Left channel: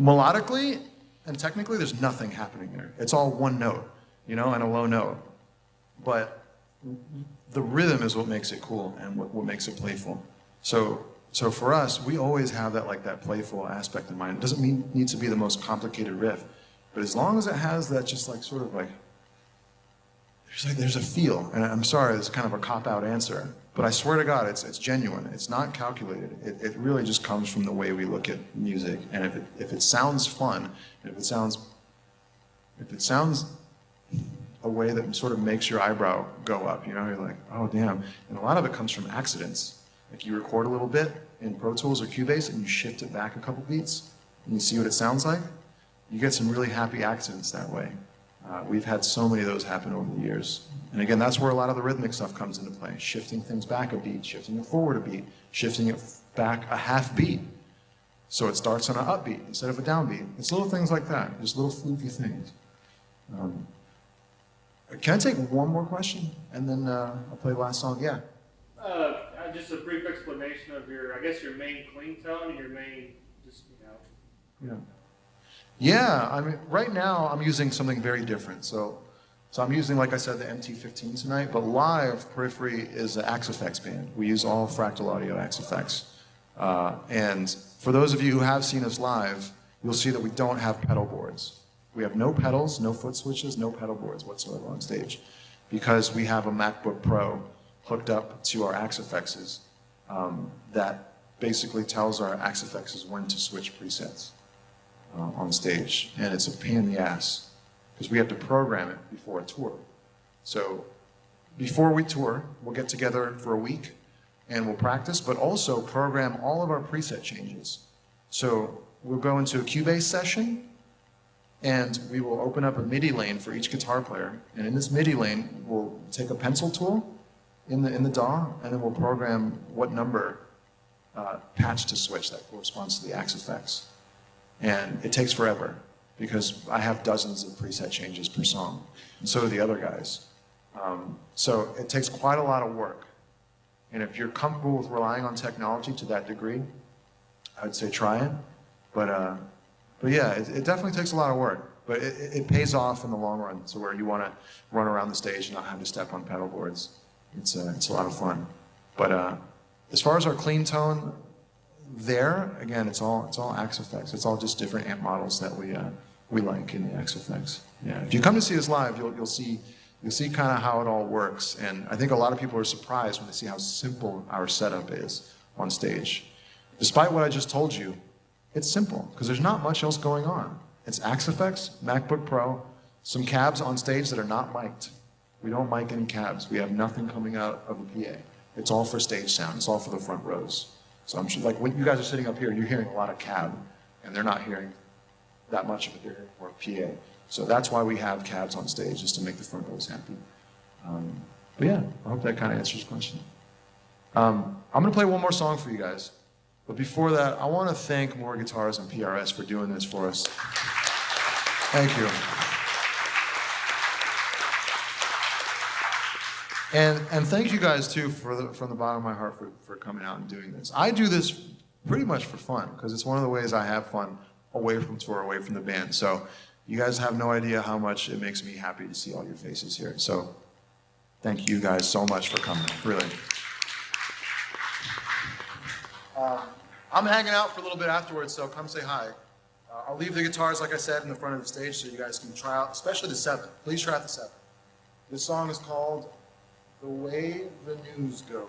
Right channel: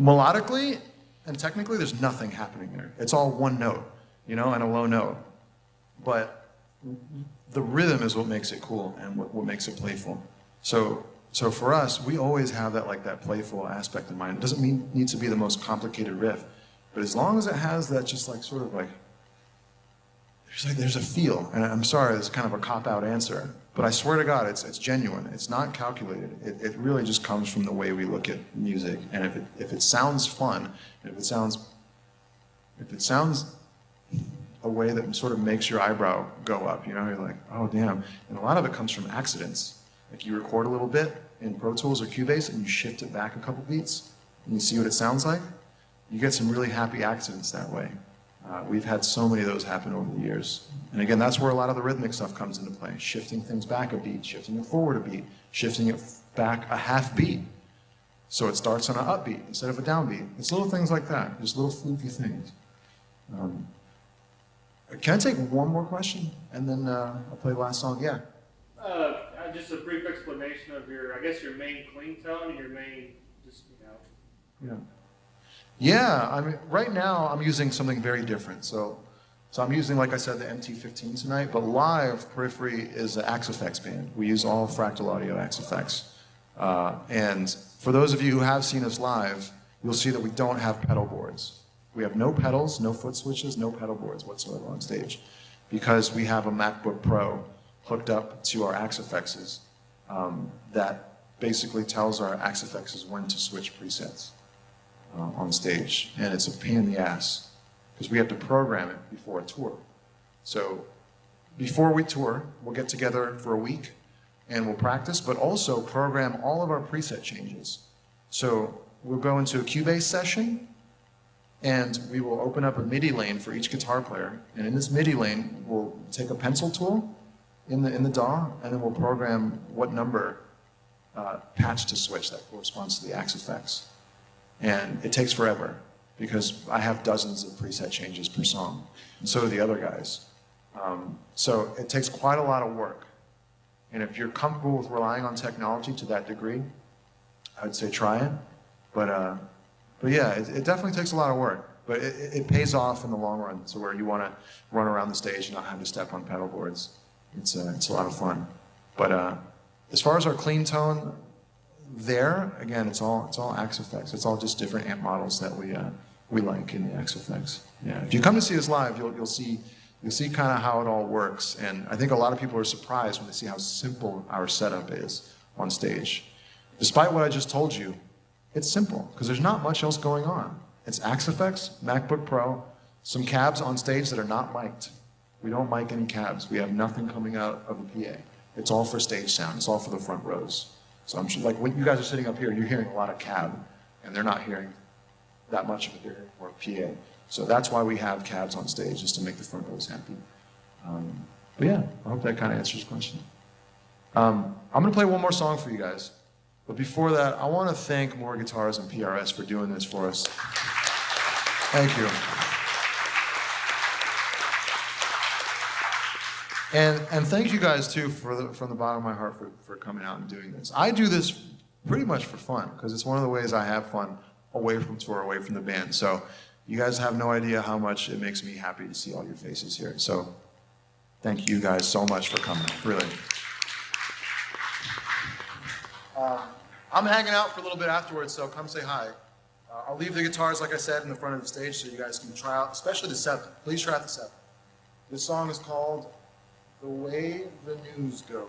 Melodically and technically, there's nothing happening there. It's all one note, you know, and a low note. But the rhythm is what makes it cool and what makes it playful. So for us, we always have that playful aspect in mind. It doesn't need to be the most complicated riff, but as long as it has that just like sort of like, there's a feel. And I'm sorry, it's kind of a cop-out answer, but I swear to God, it's genuine. It's not calculated. It really just comes from the way we look at music. And if it sounds fun, if it sounds a way that sort of makes your eyebrow go up, you know, you're like, oh damn. And a lot of it comes from accidents. Like you record a little bit in Pro Tools or Cubase and you shift it back a couple beats and you see what it sounds like. You get some really happy accidents that way. We've had so many of those happen over the years. And again, that's where a lot of the rhythmic stuff comes into play. Shifting things back a beat, shifting it forward a beat, shifting it back a half beat. So it starts on an upbeat instead of a downbeat. It's little things like that, just little fluky things. Can I take one more question? And then I'll play the last song? Yeah. Just a brief explanation of your main clean tone and your main, Yeah. Yeah, I mean, right now I'm using something very different. So I'm using, like I said, the MT-15 tonight, but live, Periphery is an Axe Effects band. We use all Fractal Audio Axe Effects. And for those of you who have seen us live, you'll see that we don't have pedal boards. We have no pedals, no foot switches, no pedal boards whatsoever on stage, because we have a MacBook Pro hooked up to our Axe Effects that basically tells our Axe Effects when to switch presets on stage. And it's a pain in the ass because we have to program it before a tour. So before we tour, we'll get together for a week and we'll practice, but also program all of our preset changes. So we'll go into a Cubase session and we will open up a MIDI lane for each guitar player. And in this MIDI lane, we'll take a pencil tool in the DAW, and then we'll program what number patch to switch that corresponds to the Axe Effects. And it takes forever because I have dozens of preset changes per song, and so do the other guys. So it takes quite a lot of work. And if you're comfortable with relying on technology to that degree, I would say try it. But yeah, it definitely takes a lot of work. But it pays off in the long run. So where you want to run around the stage and not have to step on pedal boards, it's a lot of fun. But as far as our clean tone, there again, it's all Axe Effects. It's all just different amp models that we like in the Axe Effects. Yeah. If you come to see us live, you'll see kind of how it all works. And I think a lot of people are surprised when they see how simple our setup is on stage. Despite what I just told you, it's simple because there's not much else going on. It's Axe Effects, MacBook Pro, some cabs on stage that are not mic'd. We don't mic any cabs. We have nothing coming out of the PA. It's all for stage sound. It's all for the front rows. So I'm sure, like when you guys are sitting up here, you're hearing a lot of cab, and they're not hearing that much of it. They're hearing more PA. So that's why we have cabs on stage, just to make the front rows happy. But yeah, I hope that kind of answers the question. I'm going to play one more song for you guys. But before that, I want to thank More Guitars and PRS for doing this for us. Thank you. And thank you guys too from the bottom of my heart for coming out and doing this. I do this pretty much for fun because it's one of the ways I have fun away from tour, away from the band. So you guys have no idea how much it makes me happy to see all your faces here. So thank you guys so much for coming, really. I'm hanging out for a little bit afterwards, so come say hi. I'll leave the guitars, like I said, in the front of the stage so you guys can try out, especially the 7. Please try out the 7. This song is called The Way the News Goes.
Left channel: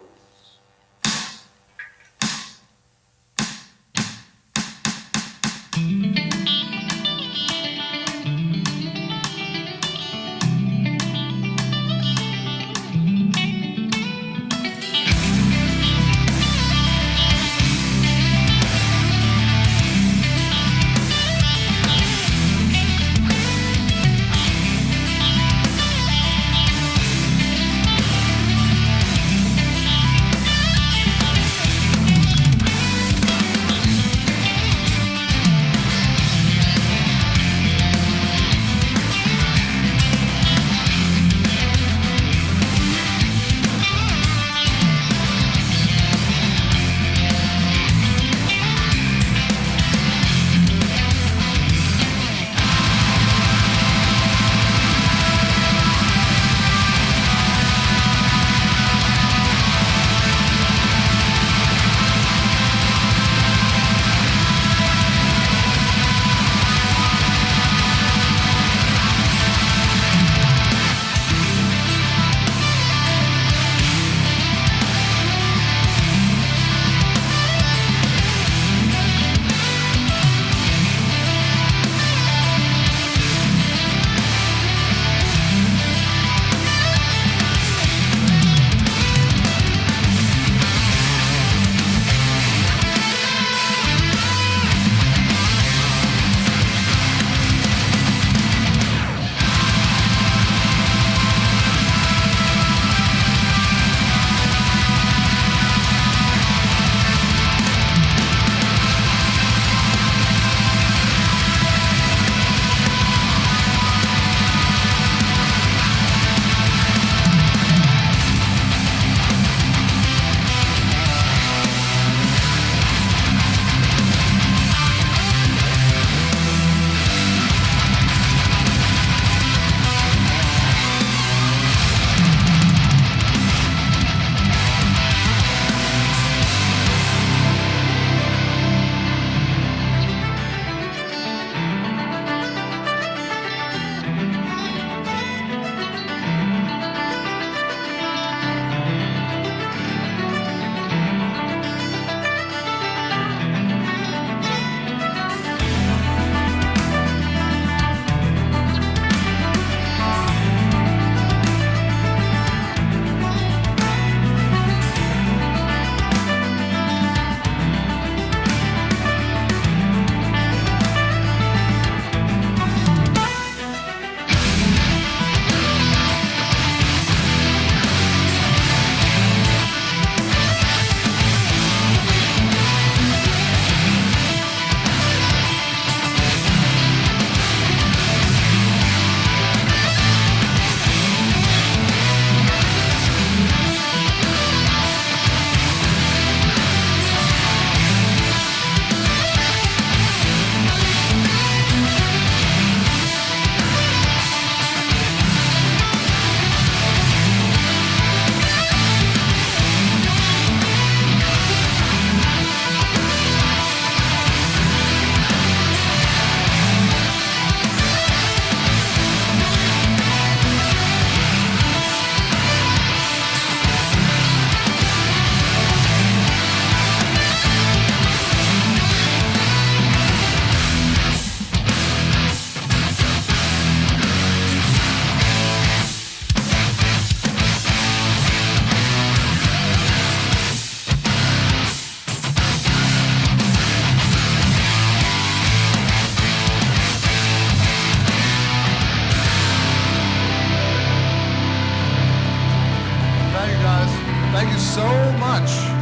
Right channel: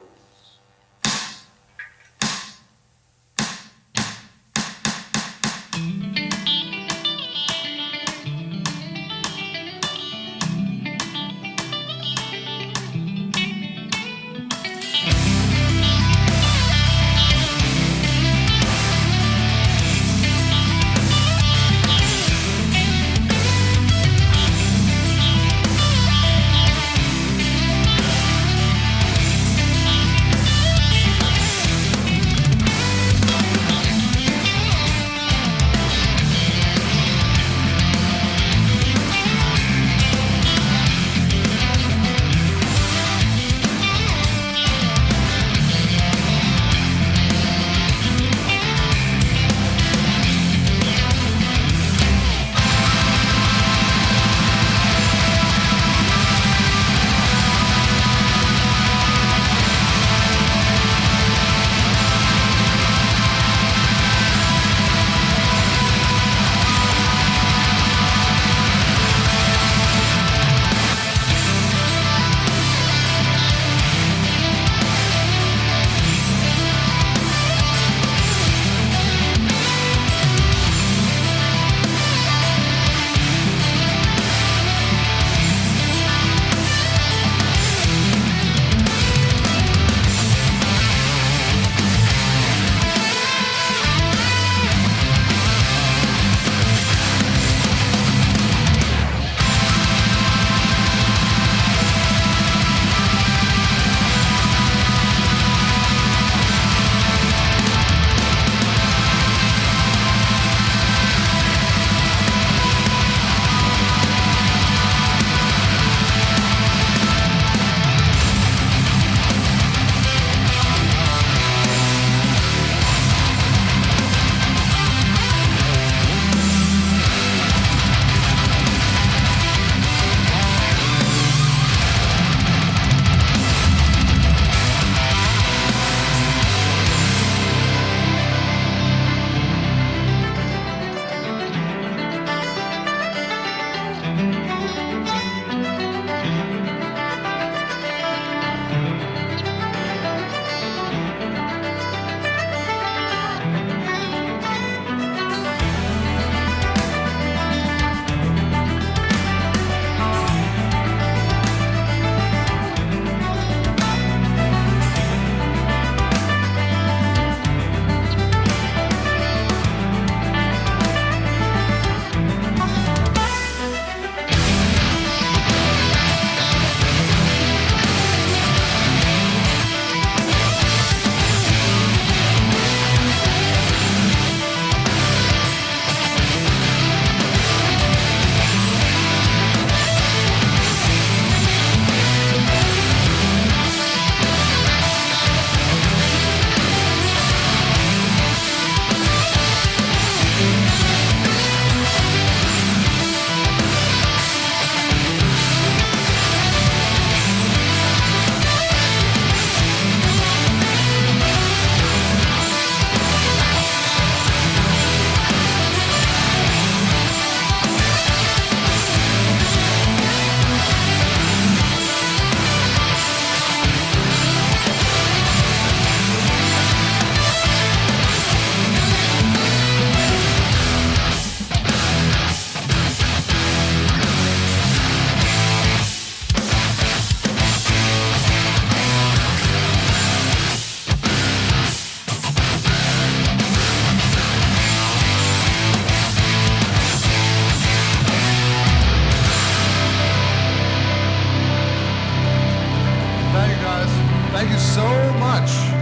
Thank you, guys. Thank you so much.